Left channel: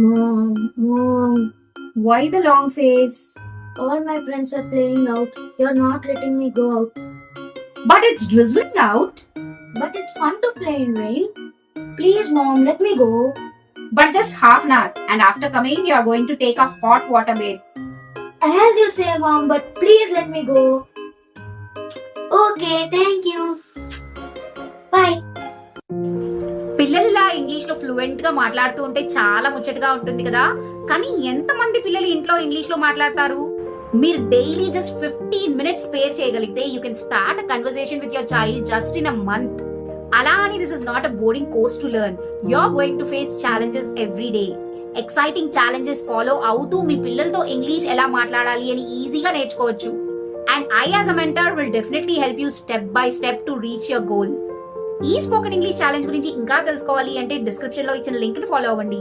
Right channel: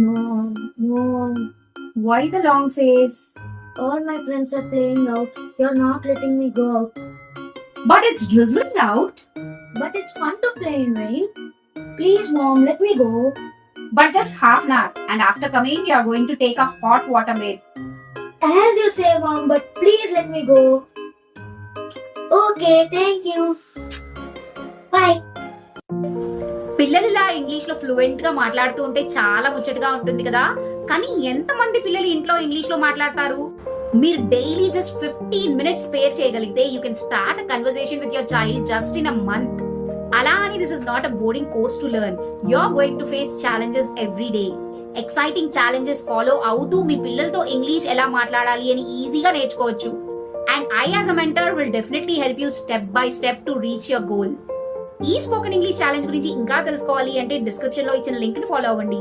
Mom, mom, Why the long face? all my friends are playing out. You're not letting me go out. But it's drizzling out. But it's fun to play in rain. Please, mom, let me go. But just half an hour. And after coming, you're going to take a hot water bath. As you say, mom, but please let me go. Okay, thank you. పిల్లలు ఇలా ఇంగ్లీష్లో ఫ్లూయెంట్గా మాట్లాడుతూ ఉంటే చాలా ముచ్చటగా ఉంటుంది కదా. కానీ ఎంతమంది పిల్లలు ఇంట్లో ఇంగ్లీష్లో మాట్లాడతారు? మీరు డైలీ జస్ట్ ఫిఫ్టీన్ మినిట్స్ పేర్ చేయగలిగితే you can start a conversation with your child just in a month అలా అని this is not a boring course to learn you are going to face challenges every day exciting challenges follow అవుతూ మీ పిల్లలతో English ఎలా మాట్లాడాలి అని ఈజీగా నేర్చుకోవచ్చు. And I as a mentor will definitely help you step by step to reach your goal ఈ spoken English challenge గురించి ఇంకా తెలుసుకోవాలి అంటే డిస్క్రిప్షన్లో ఇచ్చిన లింక్ని ఫాలో అవ్వండి.